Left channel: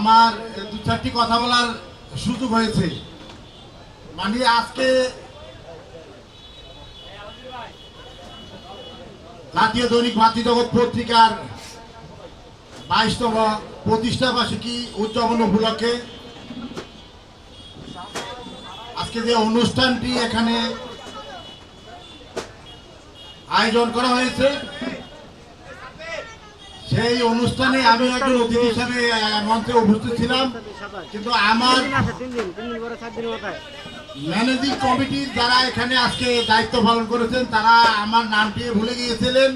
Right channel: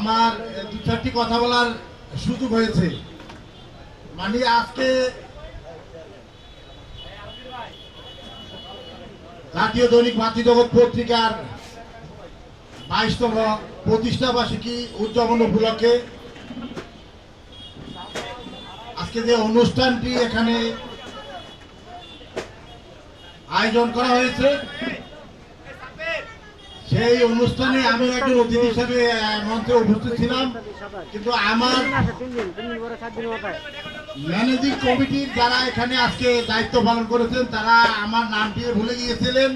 আমার দু চারটি কথা বলার সুযোগ হয়েছে। মানে আজকে জাতীয় দৈনিক মাতৃজগৎ পত্রিকার 22তম প্রতিষ্ঠা বার্ষিকী উদযাপন উপলক্ষে আজকে যে অনুষ্ঠানটি এখানে আয়োজন করা হয়েছে, সেই অনুষ্ঠানে আমি একজন অতিথি হিসাবে মঞ্চে উপস্থিত ছিলাম, কিন্তু আমার ম্যানেজিং কমিটির যারা এখানে আজকে দায়িত্ব পালন করেছেন তারা আমার নামটি ভুলে গিয়েছিলেন।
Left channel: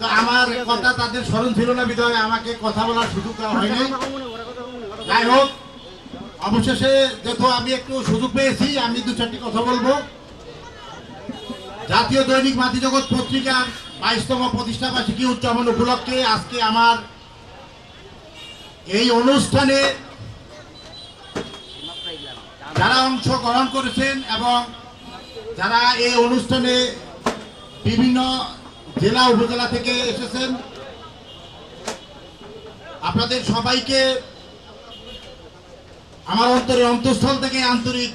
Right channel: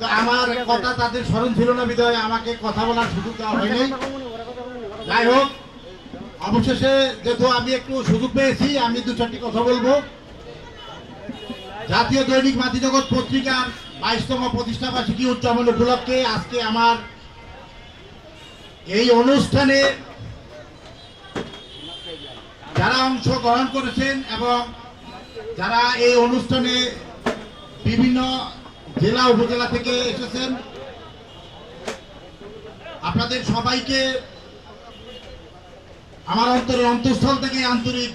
তো আমার কথা তাদের স্মরণ ছিল না, বিধায় আমাকে কথা বলার সুযোগ দেওয়া হয়নি। যাই হোক, অবশেষে যেহেতু আমি একটু সুযোগ পেয়েছি, আমি দু চারটি কথা বলবো। জাতীয় দৈনিক মাতৃজগৎ পত্রিকার 22তম প্রতিষ্ঠা বার্ষিকী উদযাপন উপলক্ষে আজকে আমার এই অনুষ্ঠানে যারা অংশগ্রহণ করেছেন এবং যারা এই অনুষ্ঠানে বিভিন্ন জেলা উপজেলা থেকে এসেছেন, আপনাদের সবাইকে আমার অন্তরের অন্তঃস্থল থেকে আন্তরিক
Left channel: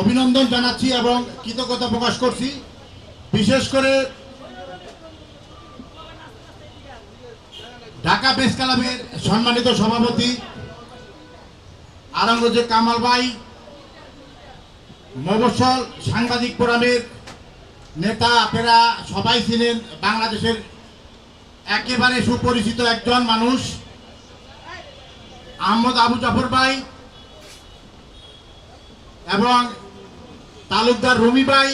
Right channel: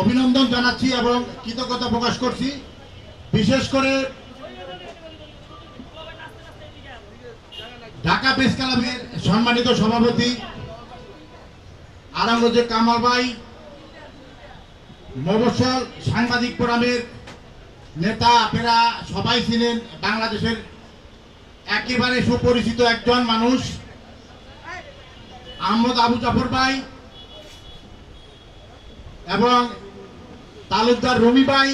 অভিনন্দন জানাচ্ছি এবং কৃতজ্ঞতা প্রকাশ করছি। বিশেষ করে ঢাকা প্রেস ক্লাবের সম্মানিত সভাপতি আরামগঞ্জের কামাল ভাই, মফস্বল সাংবাদিক ফোরামের নেতা, আপনারা সবাই ছিলেন বাংলাদেশের একেবারে সুপরিচিত একজন মানুষ আহমদ আবু জাফর ভাই এবং তালুকদার রুমি ভাই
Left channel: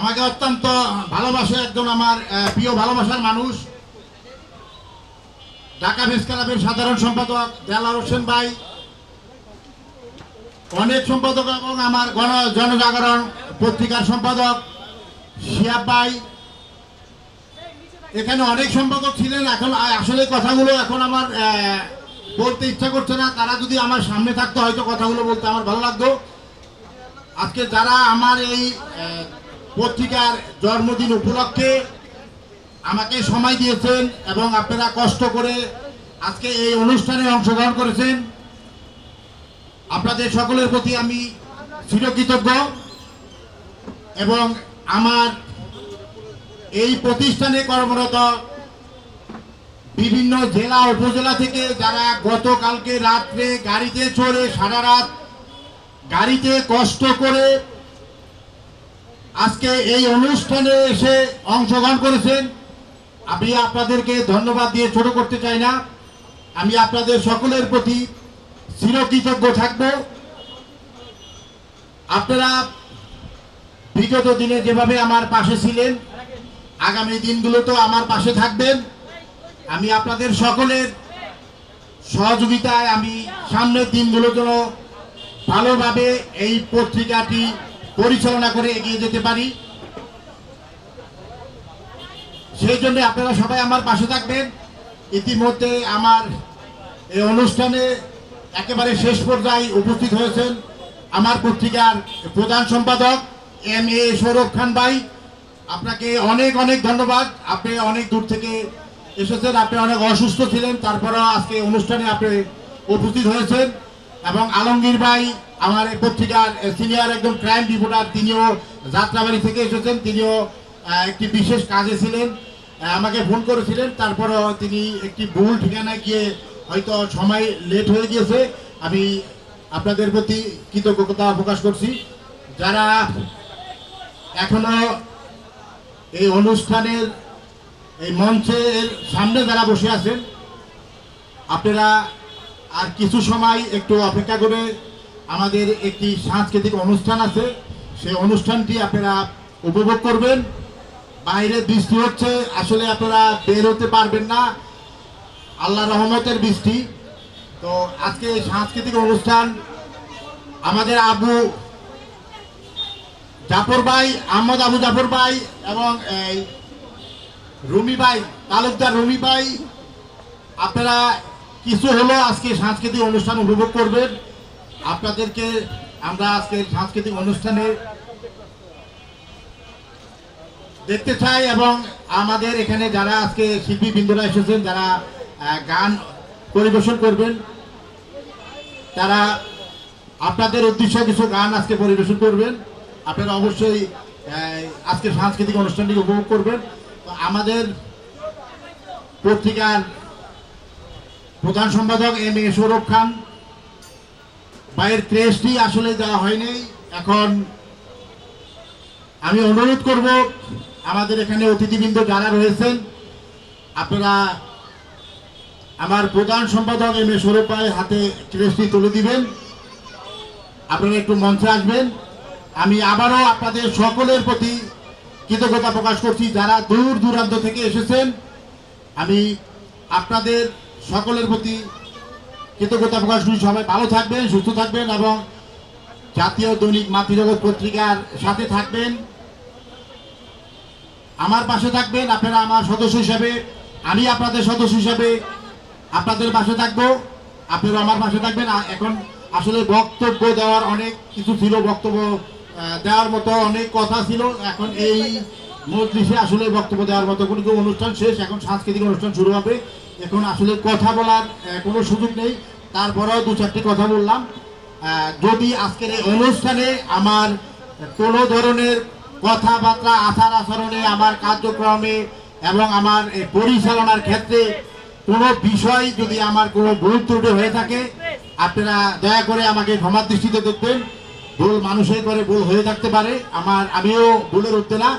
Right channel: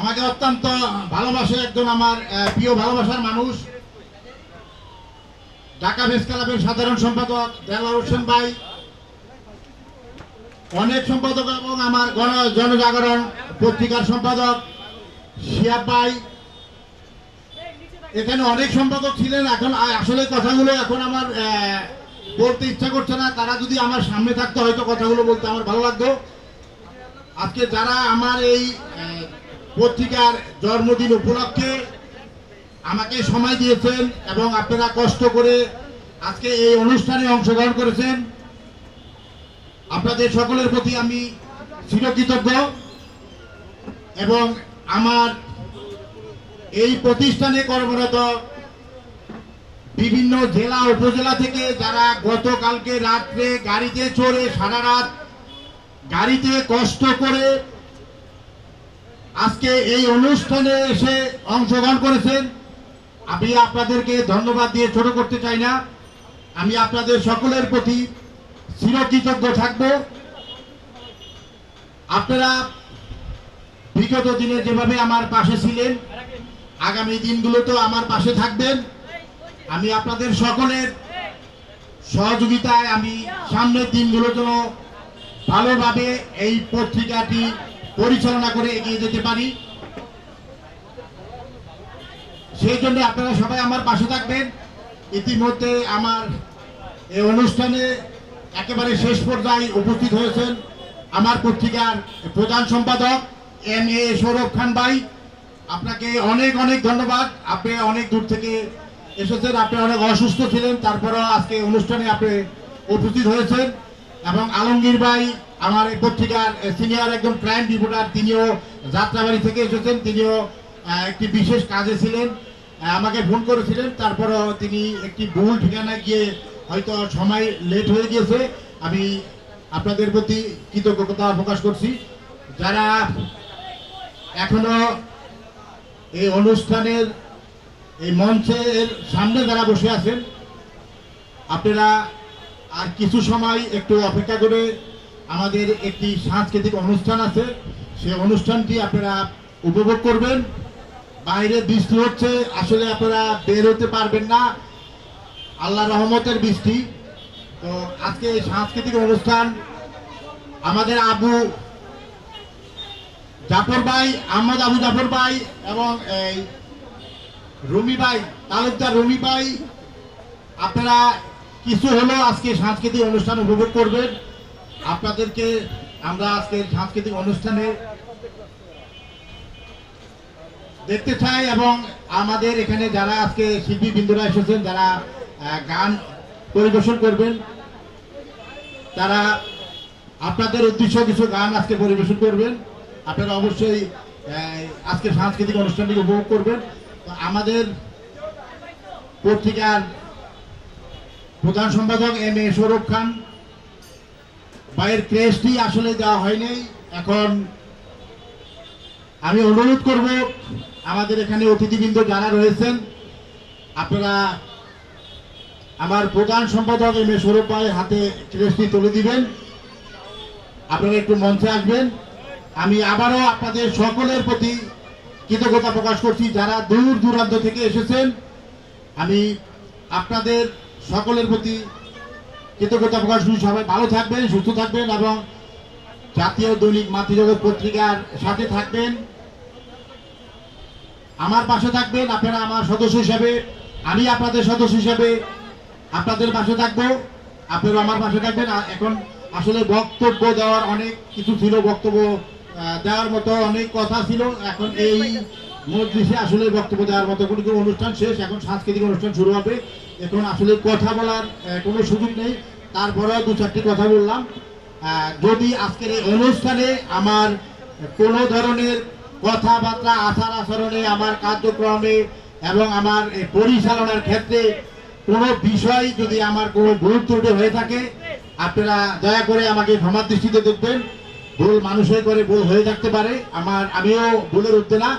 আমাকে অত্যন্ত ভালোবাসে, একজন আমার প্রিয় ভালোবাসার মানুষ। ঢাকা প্রেস ক্লাবের সাধারণ সম্পাদক দেলাওয়ার হোসেন ভাই, অনেক সম্পাদক এবং আমার জনজাগরণ পত্রিকার সম্পাদক শিয়াব ভাই, এখানে অনেক সম্পাদক ছিলেন। এখন আসলে কথাগুলো এখন আমার বলতে ইচ্ছা করছে না, তারা যদি আমার সামনে থাকতো হয়তো কথাগুলো বলতে আমার ভালো লাগতো। আজকে যারা আমার এই পত্রিকার জন্মদিন উপলক্ষে আমাকে সময় দিয়েছেন এবং আপনারা কষ্ট করে আজকে এই অনুষ্ঠানে অংশগ্রহণ করেছেন, আপনাদের সকলের প্রতি আমি চিরকৃতজ্ঞ। এবং আমার এই প্রতিষ্ঠানে কর্মরত বিভিন্ন জেলা উপজেলা থেকে যারা গতকালকে রাত্রে গাড়িতে চড়ে সারা রাত গাড়িতে কষ্ট করে আজকে এই অনুষ্ঠানে এসে অংশগ্রহণ করেছেন, আমি আপনাদেরকে ধন্যবাদ দিয়ে ছোট করতে চাই না। আমি আপনাদের সকলের প্রতি চিরকৃতজ্ঞ থাকব। আপনারা বিগত দিনে যেভাবে আমার পাশে ছিলেন, আগামী দিনগুলোতে আমার পাশে থাকবেন। আমি আপনাদের সকলের সহযোগিতায় আমি সামনের দিনগুলোর জন্য ভালোভাবে এই পত্রিকাটি পরিচালনা করে এগিয়ে যেতে পারি, সেই জন্য আপনারা সবাই আমার পাশে থাকবেন। ইতিমধ্যে আমার এই অনুষ্ঠানে একেবারে শেষ পর্যায়ে উপস্থিত হয়েছেন আমার পত্রিকার প্রধান সম্পাদক MA সৌরভ খান ভাই, আপনাকে অনেক অনেক ধন্যবাদ। আপনি অনেক দূর থেকে এসেছেন, আপনি অনেক অসুস্থ ছিলেন, তারপরেও আজকে অনুষ্ঠানে আপনি উপস্থিত হয়েছেন। এবং আলমগীর ভাই আমার এই পত্রিকার সিনিয়র একজন ক্রাইম রিপোর্টার, তিনিও যাত্রাবাড়ি থেকে এসেছেন, তিনিও একটি বিশেষ কাজে ছিলেন, আমাকে ফোন করেছিলেন, তারপরও তিনি একটি ভুল ঠিকানায় গিয়ে হয়তো সময় লেট হয়ে গিয়েছে। আমি আপনাদের প্রতি কৃতজ্ঞতা প্রকাশ করছি। যারা এখনো এই অনুষ্ঠানের এই মঞ্চের সামনে যারা বসে আছেন, আপনারা আর কিছু সময় একটু অপেক্ষা করে আমাদের একটি সাংস্কৃতিক অনুষ্ঠান আছে, সেই অনুষ্ঠানটি আপনারা উপভোগ করবেন। বাইরে বৃষ্টি হচ্ছে, আসলে আপনারা বের হতে পারবেন না, আল্লাহ রহমতের বৃষ্টি। তো আজকে সাংস্কৃতিক অনুষ্ঠান আমাদের আবু জাফর ভাই, আহমদ আবু জাফর ভাই এবং রুমি ভাই, তালুকদার রুমি ভাই, আপনারা কিছু হলো আজকে সাংস্কৃতিক অনুষ্ঠান উপভোগ করবেন। আপনাদেরকে আমরা আজকে সাংস্কৃতিক অনুষ্ঠানে দেখতে চাই এবং আমাদের এখানে যারা আজকে শিল্পী বৃন্দরা এসেছেন, যারা গান পরিবেশন করবেন, তারা আপনাদের উদ্দেশ্যে কিছু গান আজকে পরিবেশন করবেন। আপনারা অবশ্যই আজকে সাংস্কৃতিক অনুষ্ঠানটি উপভোগ করবেন। তো আমাদের পত্রিকার প্রধান সম্পাদক এম এ সৌরভ খান ভাইয়ের ক্রেস্টটি আসলে দেওয়া হয়নি। এখন আমি অনুরোধ করব আমাদের এখানে অতিথিবৃন্দ যারা রয়েছেন, আপনারা আমার প্রধান সম্পাদক এম এ সৌরভ ভাইয়ের হাতে ক্রেস্টটি তুলে দিবেন। আপনারা একটু মঞ্চে আসবেন। আমি আবারও আপনাদের সকলের প্রতি কৃতজ্ঞতা প্রকাশ করছি যারা দূর দূরান্ত থেকে এসেছেন। আমি আপনাদের সকলের প্রতি কৃতজ্ঞতা প্রকাশ করছি। সবাই ভালো থাকবেন, সুস্থ থাকবেন এবং জাতীয় দৈনিক মাতৃজগৎ পত্রিকার সাথে থাকবেন, আমার পাশে থাকবেন। আপনারা আমার সদস্য হিসাবে, আমি আপনাদের সদস্য হিসাবে আপনাদের পাশে থাকবো, আপনারা আমার পাশে থাকবেন। এখন আসলে বক্তব্য দেওয়ার অনেক কিছু ছিল, বক্তব্য দেওয়ার মতো অনেক কথা ছিল। এখন এই মজলিসে আসলে বক্তব্য দেওয়ার মতো কোনো অনুষ্ঠান শেষ, এখন সাংস্কৃতিক অনুষ্ঠান শুরু হবে। এখন আসলে কথা বলার কোনো সুযোগ নেই, তারপরেও দু চারটি কথা বললাম। যদি আজকের এই অনুষ্ঠানে আমার কোনো ধরনের কথাবার্তা, আচার আচরণে, আমার কার্যক্রমে এবং আমার পরিচালনার ক্ষেত্রে কোনো বিষয় যদি আমার কোনো ভুল ত্রুটি হয়ে থাকে, আপনারা দয়া করে আমাকে ক্ষমার দৃষ্টিতে দেখবেন। ভুল মানুষের করে ভুল হয়ে থাকতে পারে, আমিও ভুলের উঠতে না।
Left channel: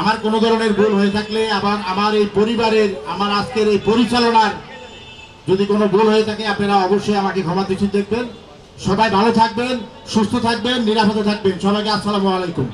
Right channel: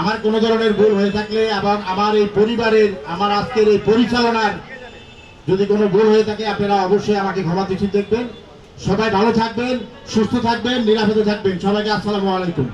আমার কোনো ধরনের ভুল হয়ে থাকলে, আবার আমার এই পরিবারের, আমার আজকের এই পরিচালনার যদি কোনো ভুল হয়ে থাকে, আপনারা অবশ্যই আমাকে ক্ষমার দৃষ্টিতে দেখবেন। সবাই ভালো থাকবেন, সুস্থ থাকবেন, নিরাপদে থাকবেন। সবাইকে আসসালামু আলাইকুম।